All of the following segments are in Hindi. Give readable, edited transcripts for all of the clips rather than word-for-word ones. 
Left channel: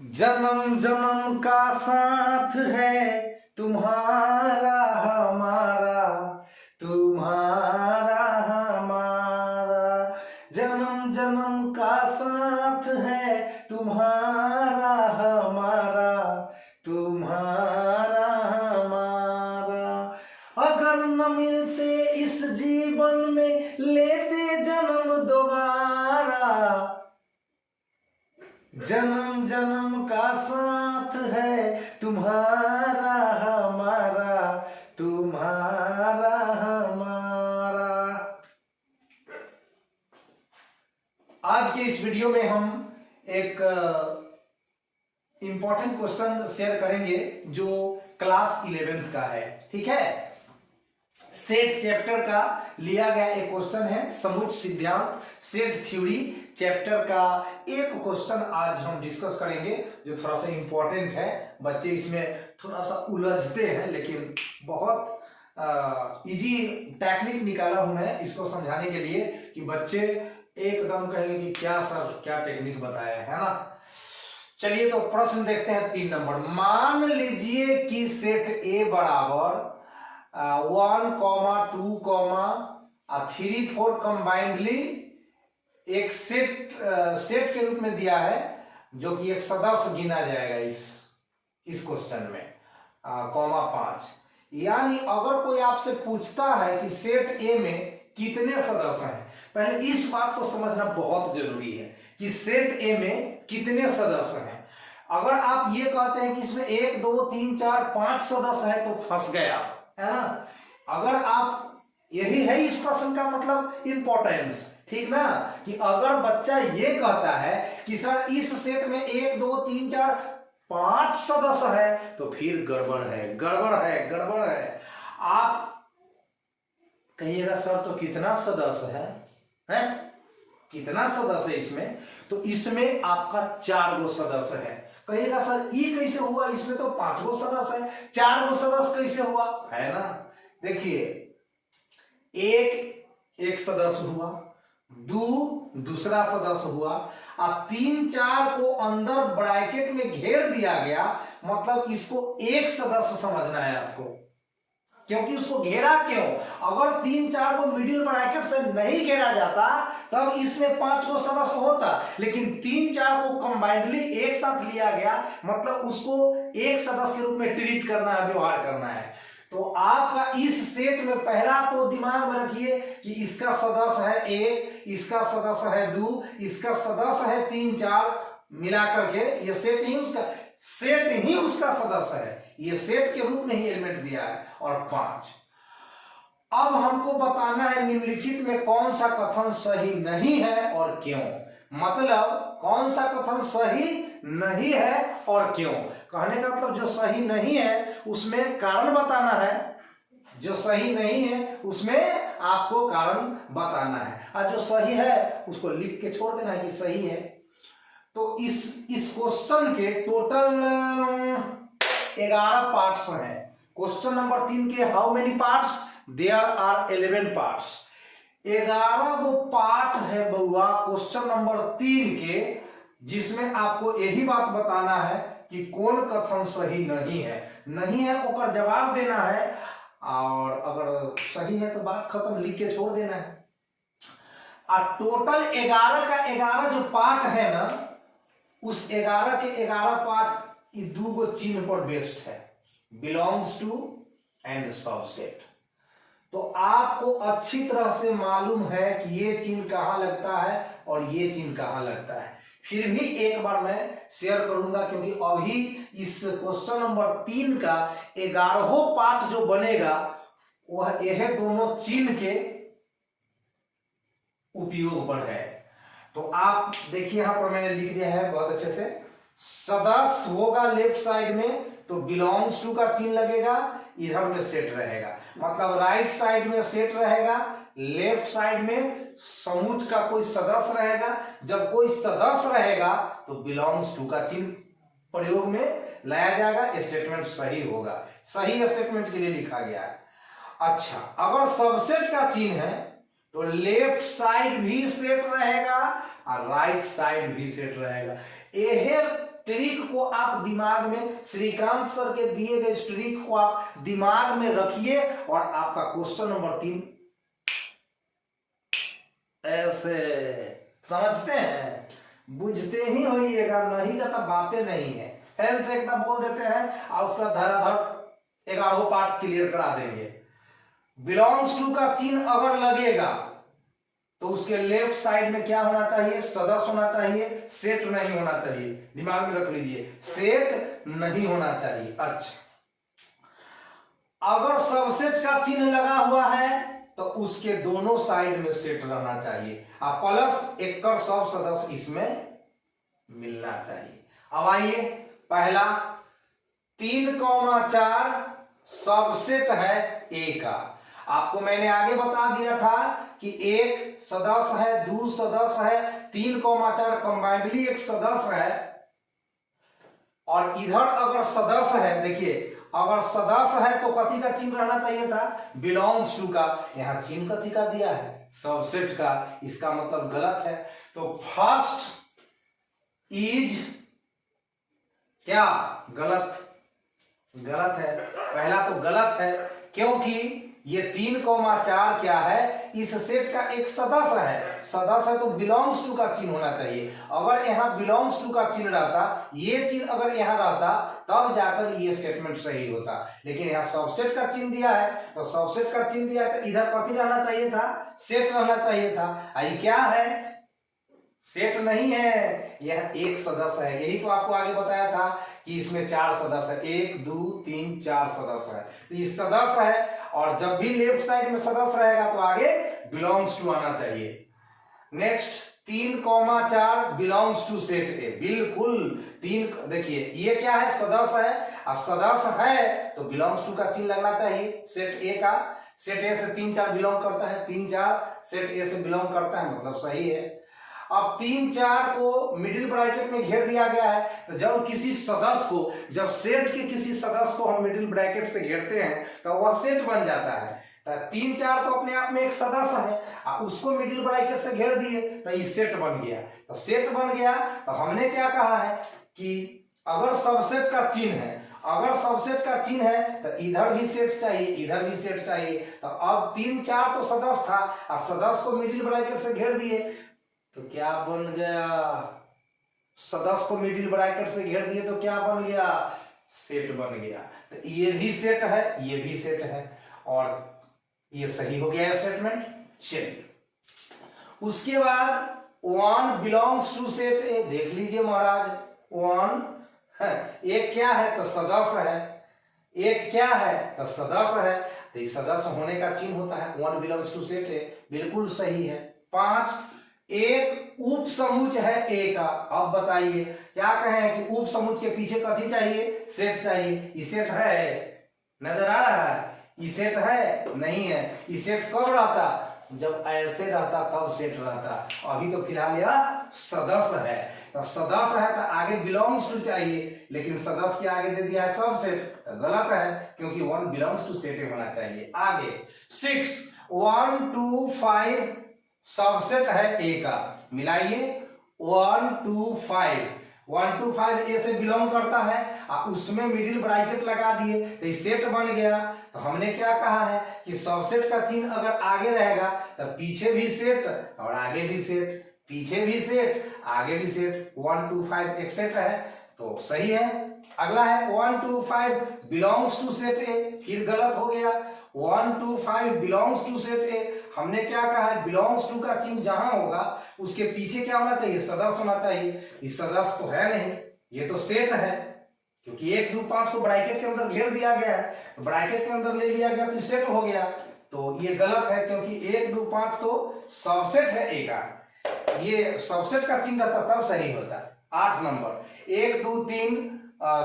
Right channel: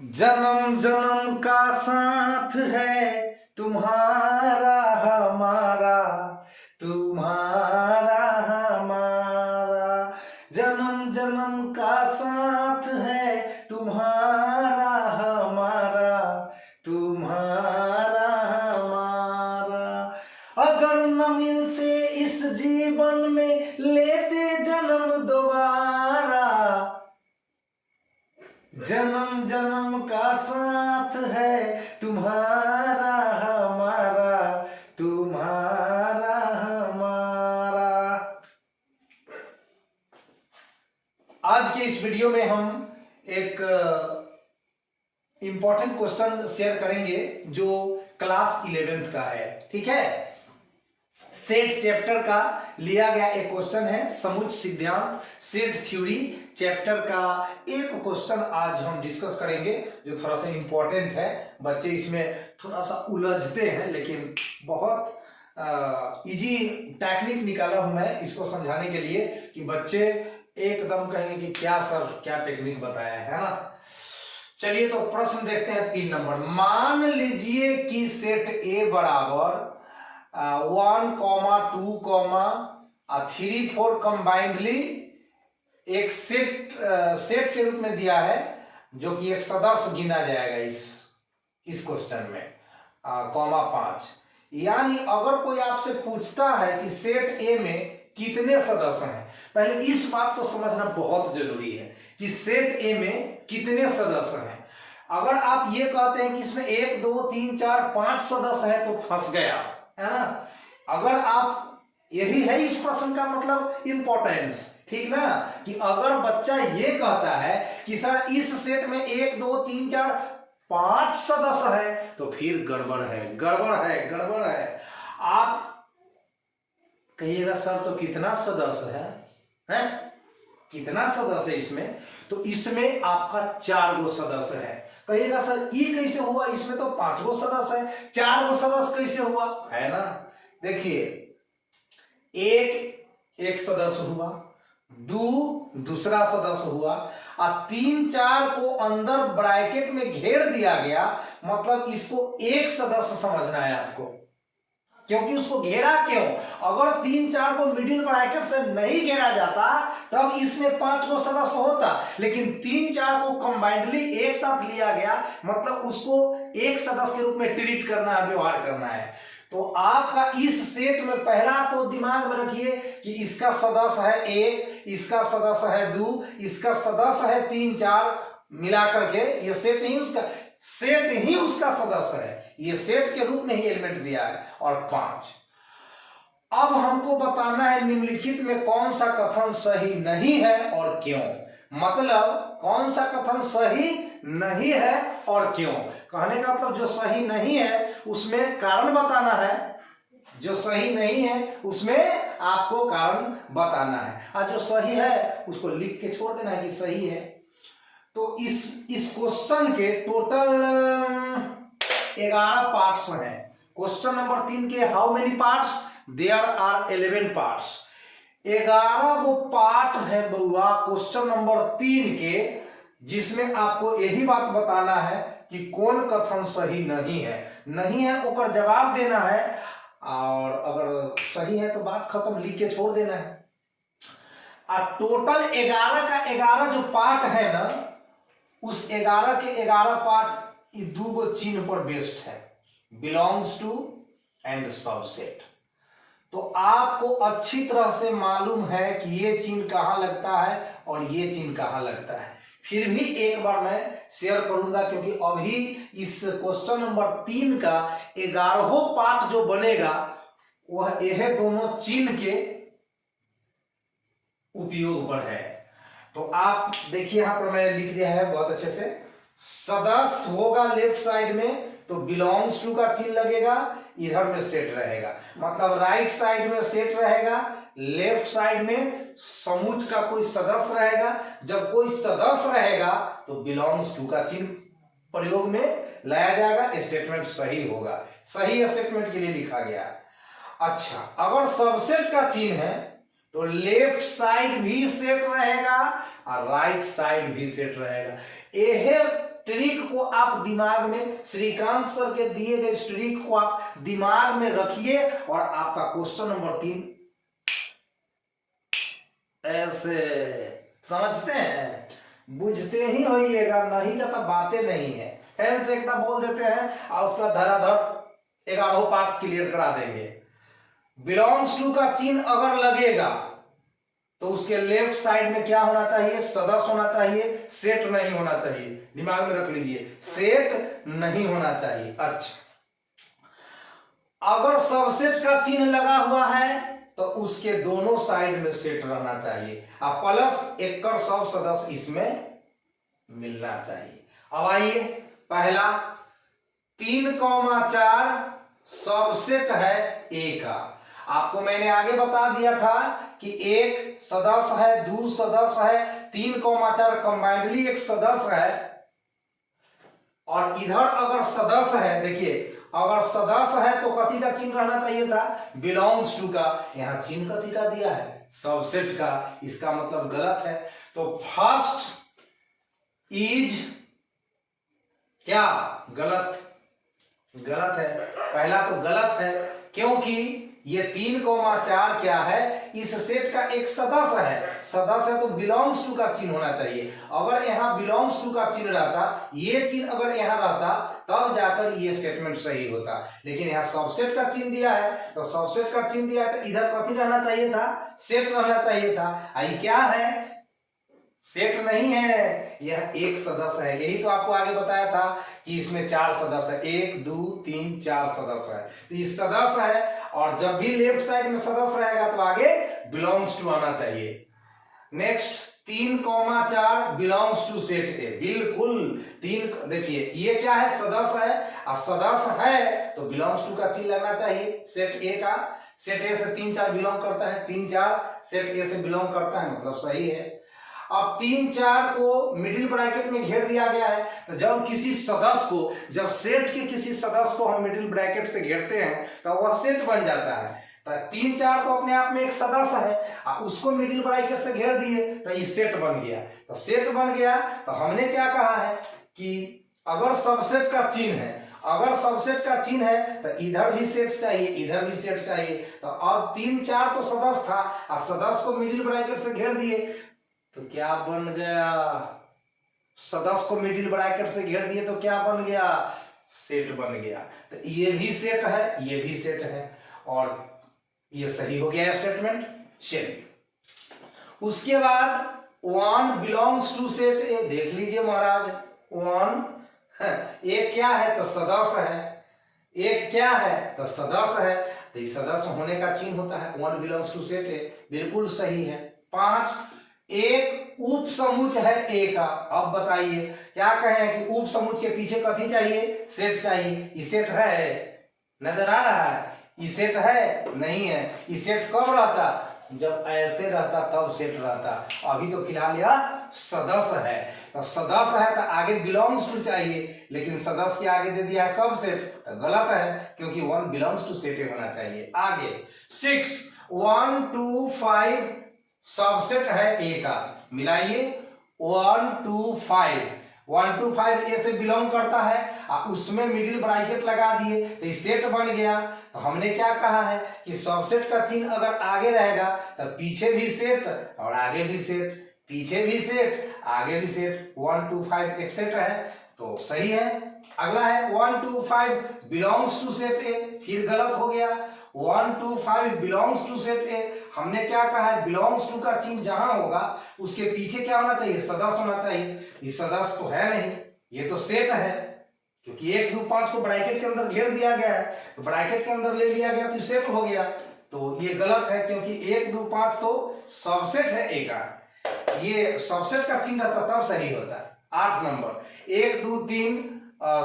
जन्म जन्म का साथ है तुम्हारा हमारा, तुम्हारा हमारा। जन्म जन्म का साथ है तुम्हारा हमारा, तुम्हारा हमारा। अगर न मिलते इस जीवन में लेते जन्म दोबारा। जन्म जन्म का साथ है तुम्हारा हमारा, तुम्हारा हमारा। आज के इस वीडियो में हम एक इंपॉर्टेंट क्वेश्चन शेयर करेंगे जो क्लास 11th का है। ठीक है, सेट चैप्टर का लिया गया एक क्वेश्चन है। समुच्चय सिद्धांत सेट थ्योरी चैप्टर का एक क्वेश्चन आज हम डिस्कस करेंगे जो थोड़ा सा इंपॉर्टेंट है। बच्चे इसमें थोड़ा सा उलझते हैं, लेकिन बहुत इजी टेक्निक निकाला हूं मैं इसको समझाने के लिए कि बच्चे एकदम कहेंगे कि क्या सर क्या टेक्निक बताया है ना। चलिए तो प्रश्न देखते हैं 3 नंबर। मान लीजिए कि सेट ए बराबर 1, 2, 3, 4 कंबाइंडली एक सेट के रूप में दिया है जो कि एक सदस्य गिना जाएगा इस क्वेश्चन में 5। यानी अगर कोई आपसे पूछता है कि सेट ए में कितने सदस्य हैं, पहले इस बात को समझना बहुत जरूरी है कि सेट ए में कितने सदस्य हैं। अगर आप ये कहते हैं कि इसमें 1, 2, 3, 4, 5 सदस्य है तो फंस गया है ना। अगर आप यही है इस प्रश्न का मतलब इंपॉर्टेंस, ठीक ना, कि अगर बच्चा ये कहता है कि सर इस सेट में 1, 2, 3, 4, 5 सदस्य है तो फिर गड़बड़ है, गड़बड़ है, गड़बड़ है। आप कहिएगा सर तो कितना सदस्य है? कितना सदस्य है इसमें? तो इसमें आपका 4 गो सदस्य है। कहिएगा सर ये कैसे हुआ, इसमें तो 5 गो सदस्य है, 4 गो सदस्य कैसे हुआ, है ना। देखिए, एक सदस्य हुआ, 2 दूसरा सदस्य हुआ, और 3, 4 को अंदर ब्रैकेट में घेर दिया गया, मतलब इसको एक सदस्य समझना है आपको। क्योंकि उसको घेरा क्यों? अगर 3, 4 को मिडिल ब्रैकेट से नहीं घेरा जाता तब इसमें 5 को सदस्य होता, लेकिन 3, 4 को कंबाइंडली एक साथ लिया गया, मतलब उसको एक सदस्य के रूप में ट्रीट करना है, व्यवहार करना है। तो आपका इस सेट में पहला तो दिमाग में रखिए कि इसका सदस्य है 1, इसका सदस्य है 2, इसका सदस्य है 3, 4, मिलाकर के ये सेट ही उसका सदस्य है। ये सेट के रूप में ही एलिमेंट दिया है। और 5, अब हमको बताना है निम्नलिखित में कौन सा कथन सही नहीं है और क्यों। मतलब कौन सा कथन सही नहीं है और क्यों। कहने का मतलब जो सही नहीं है उसमें कारण बताना है, जो सही नहीं है उसमें आपको कारण बताना है, और जो सही है उसको लिख के छोड़ देना है कि सही है। तो इस क्वेश्चन के टोटल 11 पार्ट्स हैं। क्वेश्चन नंबर 3 के how many parts? There are 11 parts. 11 वो पार्ट है बउआ क्वेश्चन नंबर 3 के, जिसमें आपको यही बात बताना है कि कौन कथन सही नहीं है। नहीं है ओकर जवाब देना है, और अगर सही है तो बात खत्म, लिख के छोड़ देना है। और टोटल 11 का 11 जो पार्ट है ना, उस 11 के 11 पार्ट ये 2 गो चिन्ह पर बेस्ड है, बिलोंग्स टू एंड सबसेट। तो आपको अच्छी तरह से मालूम है कि ये चिन्ह कहां लगता है और ये चिन्ह कहां लगता है। फिर भी एक बार मैं शेयर करूंगा, क्योंकि अभी इस क्वेश्चन नंबर 3 का 11वां पार्ट जो बनेगा वह यह दोनों चिन्ह के उपयोग पर है। तो आप देखिए यहां पर मैंने लिख दिया है बहुत अच्छे से। सदस्य होगा लेफ्ट साइड में तो बिलोंग्स टू का चिन्ह लगेगा, इधर में सेट रहेगा, मतलब राइट साइड में सेट रहेगा, लेफ्ट साइड में समुच्चय का कोई सदस्य रहेगा। जब कोई सदस्य रहेगा तो बिलोंग्स टू का चिन्ह प्रयोग में लाया जाएगा, स्टेटमेंट सही होगा। सही स्टेटमेंट के लिए लिखा गया है। अच्छा, अगर सबसेट का चिन्ह है तो लेफ्ट साइड भी सेट रहेगा और राइट साइड भी सेट रहेगा। यह ट्रिक को आप दिमाग में, श्रीकांत सर के दिए गए इस ट्रिक को आप दिमाग में रखिए और आपका क्वेश्चन नंबर 3 ऐसे समझते हैं, बुझते ही होइएगा, नहीं का तो बातें नहीं है। फैन से एकदम बोल देते हैं और उसका धराधर 11 पार्ट क्लियर करा देंगे। बिलोंग्स टू का चिन्ह अगर लगेगा तो उसके लेफ्ट साइड में क्या होना चाहिए? सदस्य होना चाहिए, सेट नहीं होना चाहिए। दिमाग में रख लीजिए, सेट नहीं होना चाहिए। अच्छा, अगर सबसेट का चिन्ह लगा हुआ है तो उसके दोनों साइड में सेट रहना चाहिए और प्लस एकड़ सब सदस्य इसमें मिलना चाहिए। अब आइए, पहला 3,4 सबसेट है ए का। आपको मैंने आगे बता दिया था कि एक सदस्य है, दो सदस्य है, 3,4 कंबाइंडली एक सदस्य है। और इधर अगर सदस्य है, देखिए अगर सदस्य है तो कथी का चिन्ह रहना चाहिए था? बिलोंग्स टू का। यहां चिन्ह कथी का दिया है? सबसेट का। इसका मतलब गलत है। तो फर्स्ट इज क्या? गलत, गलत है। पहला तो गलत है क्योंकि ये 3,4 क्या है? इस सेट का एक सदस्य है। सदस्य है तो बिलोंग्स टू का चिन्ह होना चाहिए। अगर यहाँ बिलोंग्स टू का चिन्ह रहता, ये चिन्ह अगर यहाँ रहता, तब जाकर ये स्टेटमेंट सही होता। लेकिन यहाँ सबसेट का चिन्ह दिया है, तो सबसेट का चिन्ह दिया है तो इधर कथी रहना चाहिए था? सेट रहना चाहिए था। ये क्या है? सेट नहीं है, यह एक सदस्य है। यही तो आपको आगे बताया था कि इसमें 4 सदस्य है, 1 2 3 4 सदस्य है। तो ये सदस्य है और जब भी लेफ्ट साइड में सदस्य रहेगा तो आगे बिलोंग्स टू आना चाहिए। Next 3,4 belongs to set A. बिल्कुल 3, देखिए ये क्या है? सदस्य है और सदस्य है तो बिलोंग्स टू का चिन्ह लगना चाहिए सेट ए का। सेट ए से 3 4 बिलोंग करता है, 3 4 सेट ए से बिलोंग करता है, मतलब सही है। अब 3 4 को मिडिल ब्रैकेट में घेर दिया गया है। तो जब किसी सदस्य को, जब सेट के किसी सदस्य को हम मिडिल ब्रैकेट से घेरते हैं तो वह सेट बन जाता है। तो 3 4 तो अपने आप में एक सदस्य है और उसको मिडिल ब्रैकेट से घेर दिए तो ये सेट बन गया। तो सेट बन गया तो हमने क्या कहा है कि अगर सबसेट का चिन्ह है, अगर सबसेट का चिन्ह है तो इधर भी सेट चाहिए, इधर भी सेट चाहिए। तो अब 3 4 तो सदस्य था और सदस्य को मिडिल ब्रैकेट से घेर दिए तो क्या बन गया? सदस्य को मिडिल ब्रैकेट से घेर दिए तो क्या बन गया? सेट बन गया। तो ये भी सेट है, ये भी सेट है और ये सही हो गया स्टेटमेंट। चलिए, उसके बाद 1 बिलोंग्स टू सेट ए। देख लीजिए महाराज, 1 एक क्या है? तो सदस्य है। एक क्या है? तो सदस्य है। तो ये सदस्य होने का चिन्ह होता है। 1 बिलोंग्स टू सेट ए, बिल्कुल सही है। 5 एक उप समुच है ए का। अब बताइए क्या कहें कि उप समुच के पीछे कथी चाहिए? सेट चाहिए। ये सेट है, नजर आ रहा है? ये सेट है? नहीं है। ये सेट कब रहता? जब ऐसे रहता तब सेट रहता। अभी तो फिलहाल यह सदस्य है। तो सदस्य है तो आगे बिलोंग्स टू चाहिए, लेकिन सदस्य के आगे दे दिया है सब सेट, तो गलत है क्योंकि 1 बिलोंग्स टू सेट होना चाहिए। आगे 6 1 2 5 सबसेट है ए का। मिलाइए 1 2 5, 1 2 5 ए से बिलोंग करता है और उसमें मिडिल ब्रैकेट लगा दिए तो सेट बन गया। तो हमने क्या कहा है कि सबसेट का चिन्ह अगर आगे रहेगा तो पीछे भी सेट और आगे भी सेट, पीछे भी सेट आगे भी सेट। 1 2 5 एक सेट है तो सही है। अगला है 1 2 5 बिलोंग्स टू सेट ए, फिर गलत हो गया। 1 2 5 बिलोंग्स टू सेट ए। हमने क्या कहा है? बिलोंग्स टू का चिन्ह जहां होगा उसके पीछे क्या होना चाहिए? सदस्य होना चाहिए। इस सदस्य तो है नहीं, ये तो सेट है क्योंकि 1 2 5 को ब्रैकेट के अंदर घेर दिया गया है, तो ब्रैकेट के अंदर ले लिया गया तो सेट हो गया। तो ये गलत है क्योंकि 1 2 5 तो सबसेट है ए का। ये सबसेट का चिन्ह रहता तब सही होता है। 8 नंबर 1 2 3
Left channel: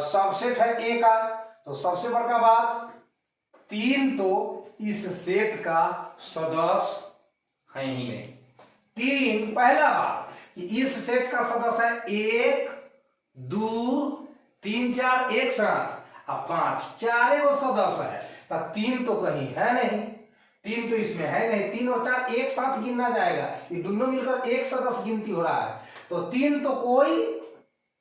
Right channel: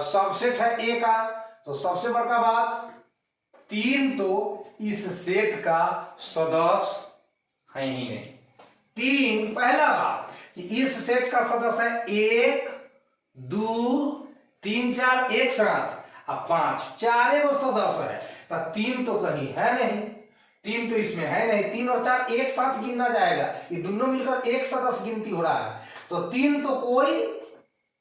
सबसेट है ए का। तो सबसे बड़का बात 3 तो इस सेट का सदस्य है ही नहीं। 3 पहला बात कि इस सेट का सदस्य है 1 2 3 4 एक साथ और 5 चारे वो सदस्य है। तो 3 तो कहीं है नहीं, 3 तो इसमें है नहीं। 3 और 4 एक साथ गिनना जाएगा, ये दोनों मिलकर एक सदस्य गिनती हो रहा है। तो 3 तो कोई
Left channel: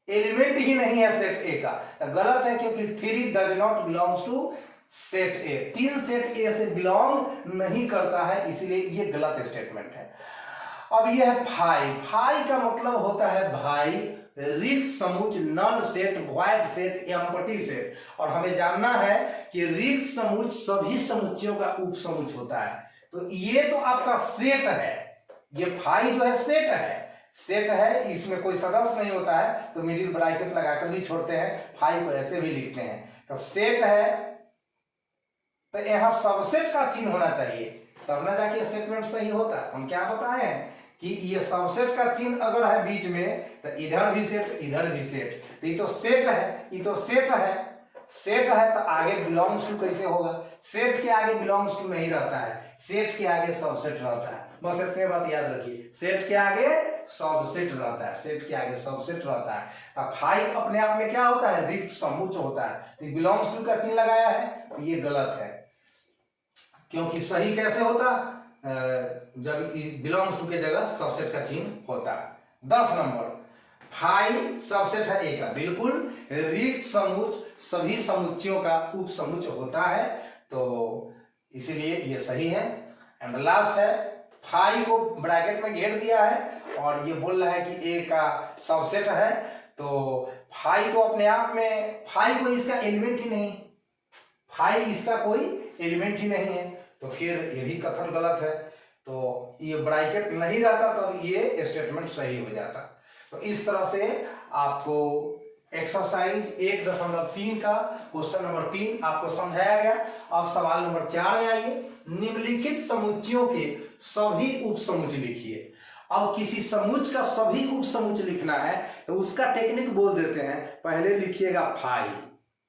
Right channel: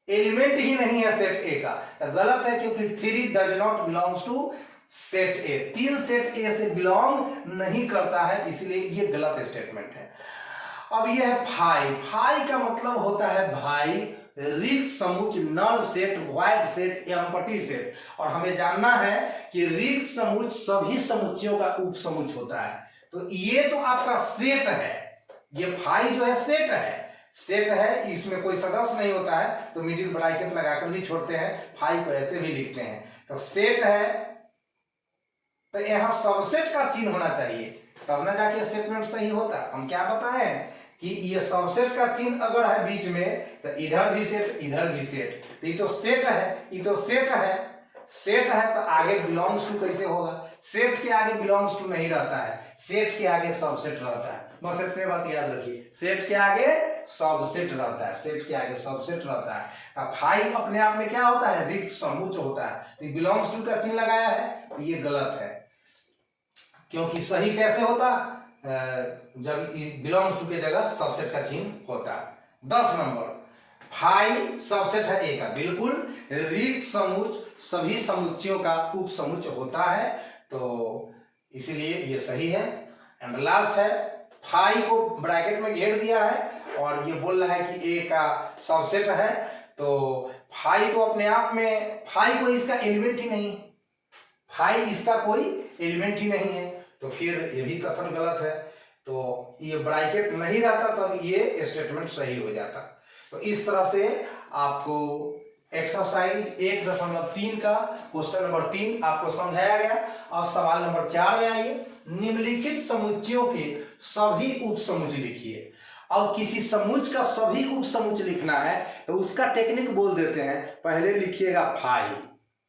एलिमेंट ही नहीं है सेट ए का, तो गलत है, क्योंकि 3 does not belongs to set A. 3 set A से बिलोंग नहीं करता है, इसलिए ये गलत स्टेटमेंट है। अब ये है फाई। फाई का मतलब होता है भाई रिक्त समुच, null set, void set, empty set. और हमें जानना है कि रिक्त समुच सभी समुच्चयों का उप समुच होता है। तो ये तो आपका सेट है, ये फाई जो है सेट है, सेट है, इसमें कोई सदस्य नहीं होता है, तो मिडिल ब्रैकेट लगाकर भी छोड़ते हैं, फाई को ऐसे भी लिखते हैं। तो सेट है, तो यहाँ सबसेट का चिन्ह होना चाहिए, तब ना जाके स्टेटमेंट सही होता। हम क्या बताएं कि ये सबसेट का चिन्ह अगर है बीच में, तो इधर भी सेट, इधर भी सेट, तो ये तो सेट है, ये तो सेट है, सेट है, तो आगे बिलोंग्स टू कैसे होगा? सेट के आगे बिलोंग्स टू नहीं रहता है, सेट के आगे सबसेट रहता है। बस इतने बात याद रखिए, सेट के आगे सबसेट रहता है, सेट के आगे सबसेट रहता है। अब फाई अपने आप में क्या होता है? रिक्त समुच्च होता है। तो बिलोंग्स टू का चिन्ह लगाया है, तो ये गलत है, क्योंकि सही कैसे होता? जब बिलोंग्स टू के जगह सबसेट का चिन्ह होता है। 10 नंबर, फाई सबसेट है ए का, बिल्कुल। रिक्त समुच्च सभी समुच्चयों का उप समुच्च होता है, तो इसीलिए ये सही है। एंड लास्ट है, फाई को ब्रैकेट में घेर दिया है और ये बोल रहा है कि ए का सबसेट है, तो फाई को अपने आप में, फाई को इसका एलिमेंट ही नहीं, फाई इसका कोई एलिमेंट ही नहीं है, तो फिर ये भी कथन गलत है। तो ये ब्रैकेट नहीं रहता तो ये स्टेटमेंट सही हो जाता। तो इस तरह से आपको एक्सरसाइज 1.3 का क्वेश्चन नंबर 3 आपको समझाया गया। अब सवाल नंबर 4 में आइए। निम्नलिखित समुच्चयों के सभी उप समुच्च लिखिए। अब किसी समुच्च का सभी उप समुच्च लिखना है तो उसका टेक्निक बोल देते हैं। पहले लिखिएगा फाई,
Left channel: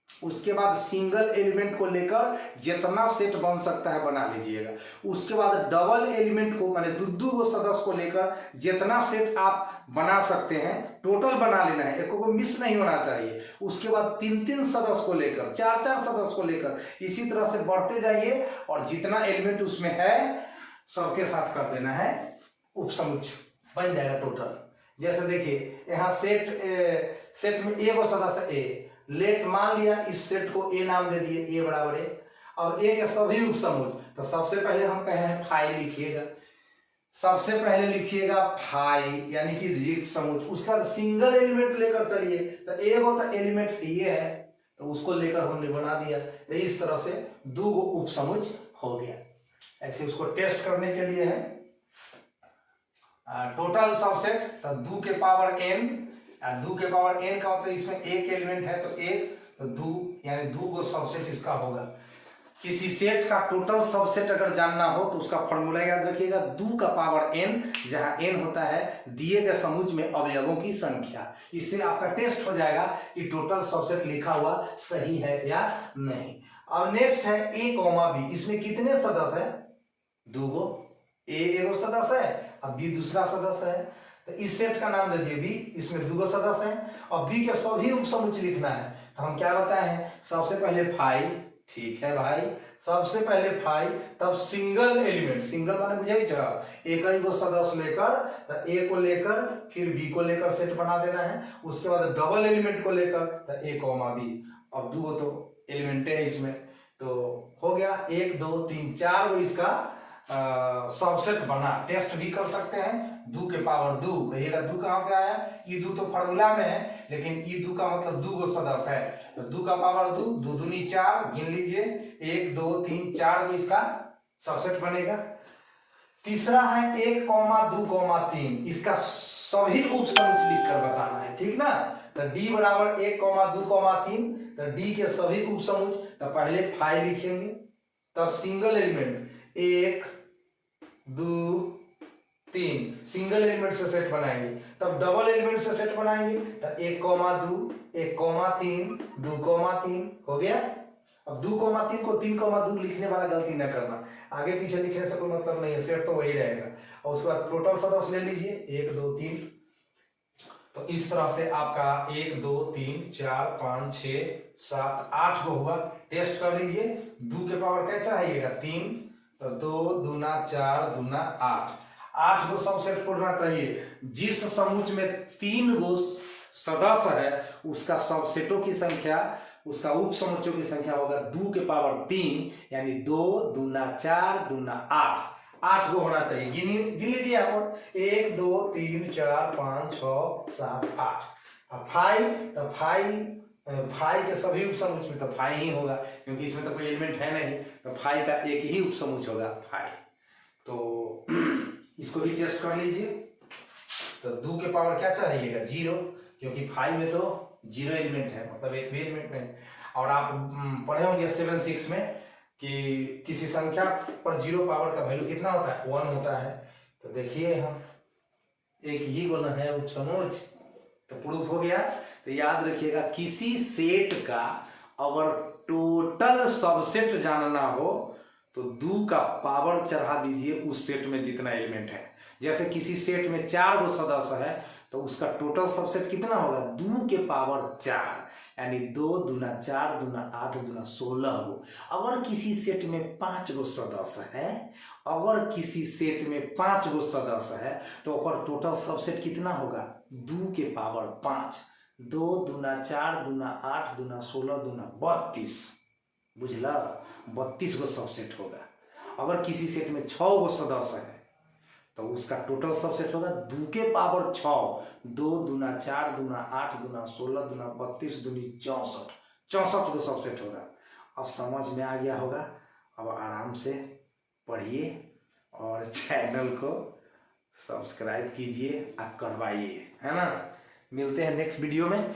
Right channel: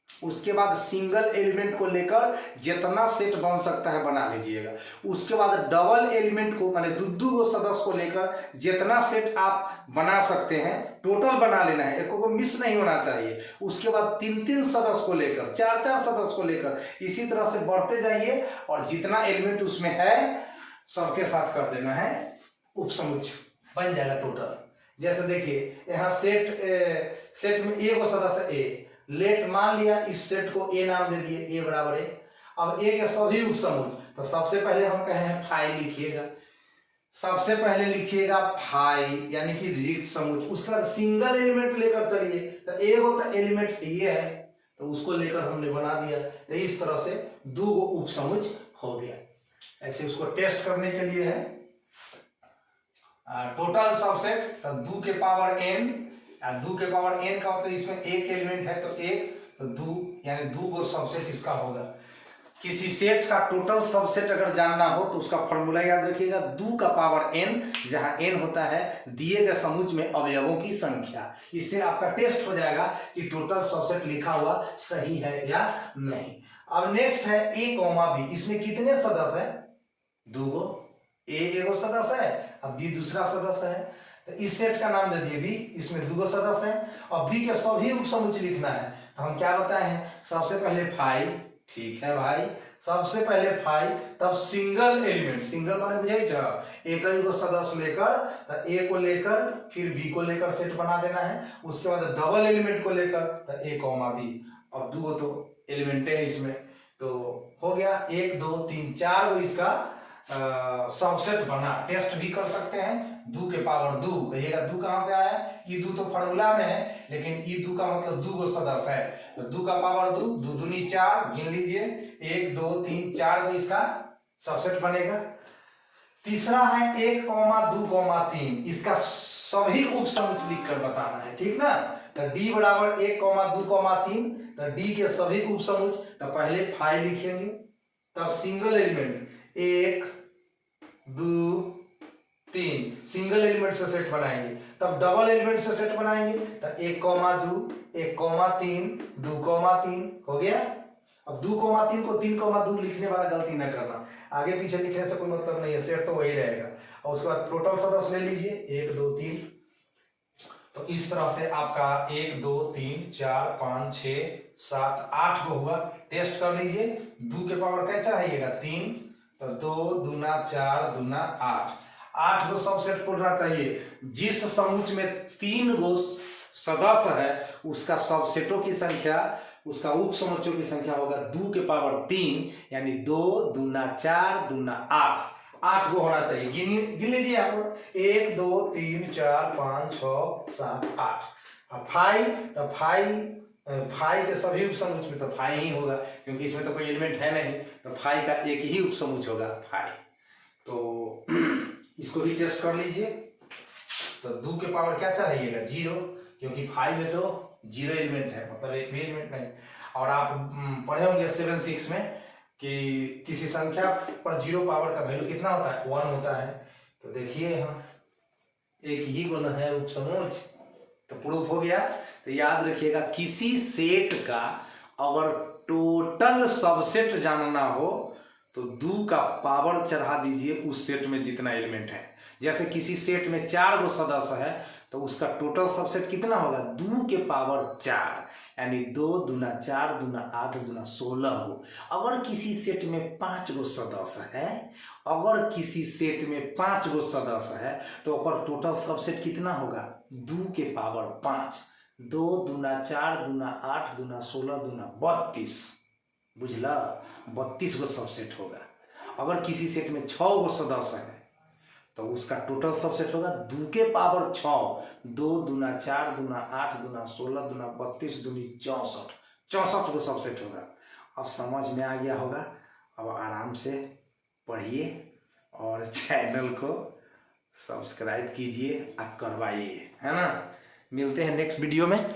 उसके बाद सिंगल एलिमेंट को लेकर जितना सेट बन सकता है बना लीजिएगा। उसके बाद डबल एलिमेंट को, माने दो गो सदस्य को लेकर जितना सेट आप बना सकते हैं टोटल बना लेना है, एक को मिस नहीं होना चाहिए। उसके बाद 3 सदस्य को लेकर, 4 सदस्य को लेकर, इसी तरह से बढ़ते जाइए और जितना एलिमेंट उसमें है सबके साथ कर देना है, उप समुच्च बन जाएगा टोटल। जैसे देखिए यहाँ सेट में ए को सदस्य ए, लेट मान लिया, इस सेट को ए नाम दे दिए, ए बराबर ए। अब ए के सभी उप समुच्च, तो सबसे पहले हम कहे हैं फाई लिखिएगा, सबसे पहले लिखिएगा फाई यानी कि रिक्त समुच्च। उसके बाद सिंगल एलिमेंट लेकर चलिए, तो ए होता एलिमेंट ये है, तो उसको लेकर हमने बना दिया। तो इस तरह से 2 गो उप समुच्च हो गया। ऐसे उसको टेस्ट करने के लिए है टोटल सबसेट, तो 2 के पावर n, 2 के पावर n का मतलब इसमें एक एलिमेंट है तो 1, तो 2 यानी 2 गो सबसेट इसका होगा। किसी सेट का टोटल सबसेट अगर जानना हो तो उसका फॉर्मूला याद रखिएगा, 2 का पावर n, जहां n होता है दिए गए समुच्च में अवयवों की संख्या। इससे आपका टेस्ट हो जाएगा कि टोटल सबसेट लिखा हुआ सही है या नहीं। अब नेक्स्ट है a, b। इसमें कितने सदस्य है? 2 गो। a एगो सदस्य है, अब b दूसरा सदस्य है, तो इस सेट का नाम दे दिए बी, इसमें 2 गो सदस्य हैं और बी के सभी उप समुच्च लिखना है। तो हम क्या बताए हैं? सबसे पहले फाई, ठीक है भाई, सबसे पहले फाई, तब सिंगल एलिमेंट, सिंगल माने बुझाई छ, एक ही गो सदस्य लेकर, तो ए को लेकर फिर बी को लेकर सेट बना देना है। उसके बाद डबल एलिमेंट को लेकर, तो ए कॉमा बी। अब 2 गो तो एलिमेंट है इसमें, तो हो गया 1 2 3 4 गो इसका सबसेट बना। टेस्ट भी कर सकते हैं, 2 के पावर 2, कहिएगा 2 कहां से आया? ये 2 तो फॉर्मूला में है, लेकिन ये 2 का मतलब 2 गो सदस्य है, तो 2 का पावर 2, 2 दूनी 4, गिन लीजिए 1 2 3 4 गो इसका सबसेट बनेगा। तीसरा है 1, 2, 3, इसका सभी उप समुच्च लिखकर बताना है, ठीक ना। तो d बराबर 1, 2, 3, तो d के सभी उप समुच्च, तो पहले फाई लिखेंगे, तब सिंगल एलिमेंट 1 2 3, सिंगल एलिमेंट से सेट बनाएंगे, तब डबल एलिमेंट से सेट बनाएंगे, तो 1, 2, 1, 3, 2, 3 हो गया। अब 2, 3 को 3, 2 लिखने वाला गलती न करना, आगे पीछे लिखने से कोई मतलब नहीं है, सेट तो वही रहेगा। और उसके बाद टोटल सदस्य ले लीजिए 1 2 3, तो इस तरह से आपका 1 2 3 4 5 6 7 8 को हुआ। टेस्ट कर लीजिए, 2 के पावर क्या चाहिएगा? 3, तो 2 दूना 4 दूना 8, 8 गो सबसेट खोलना चाहिए। जिस समुच्च में 3 गो सदस्य है उसका सबसेटों की संख्या, उसका उप समुच्चयों की संख्या होगा 2 के पावर 3, यानी 2 दूना 4 दूना 8 को होना चाहिए। गिन लीजिए आप, 1 2 3 4 5 6 7 8। अब फाई के सभी उपसमुच्चय में तो फाई ही होगा, क्योंकि इसमें तो कोई एलिमेंट है नहीं, तो फाई का एक ही उपसमुच्चय होगा फाई। तो इसको भी टेस्ट कर लीजिए। तो 2 के पावर क्या चाहिएगा 0, क्योंकि फाई में तो 0 एलिमेंट है, मतलब एक भी एलिमेंट नहीं। और आप पढ़े होंगे 7-6 में कि किसी संख्या पर 0 पावर का वैल्यू कितना होता है 1 होता है। तो देखिए हम एक ही गुण है उपसमुच्चय, तो प्रूफ हो गया। तो याद रखिएगा, किसी सेट का अगर टोटल सबसेट जानना हो तो 2 का पावर चढ़ा दीजिए उस सेट में जितना एलिमेंट है। जैसे किसी सेट में 4 गो सदस्य है तो उसका टोटल सबसेट कितना होगा 2 के पावर 4, यानी 2 दूना 4 दूना 8 दूना 16 गो। अगर किसी सेट में 5 गो सदस्य है, अगर किसी सेट में 5 गो सदस्य है तो ओकर टोटल सबसेट कितना होगा 2 के पावर 5, 2 दूना 4 दूना 8 दूना 16 दूना 32, बुझला 32 गो सबसेट होगा। अगर किसी सेट में 6 गो सदस्य है तो उसका टोटल सबसेट होगा 2 के पावर 6, 2 दूना 4 दूना 8 दूना 16 दूना 32 दूनी 64 को सबसेट होगा। अब समझ में आ गया होगा। अब आराम से पढ़िए और चैनल को सब्सक्राइब कीजिए और करवाइए, है ना। मिलते हैं नेक्स्ट वीडियो में।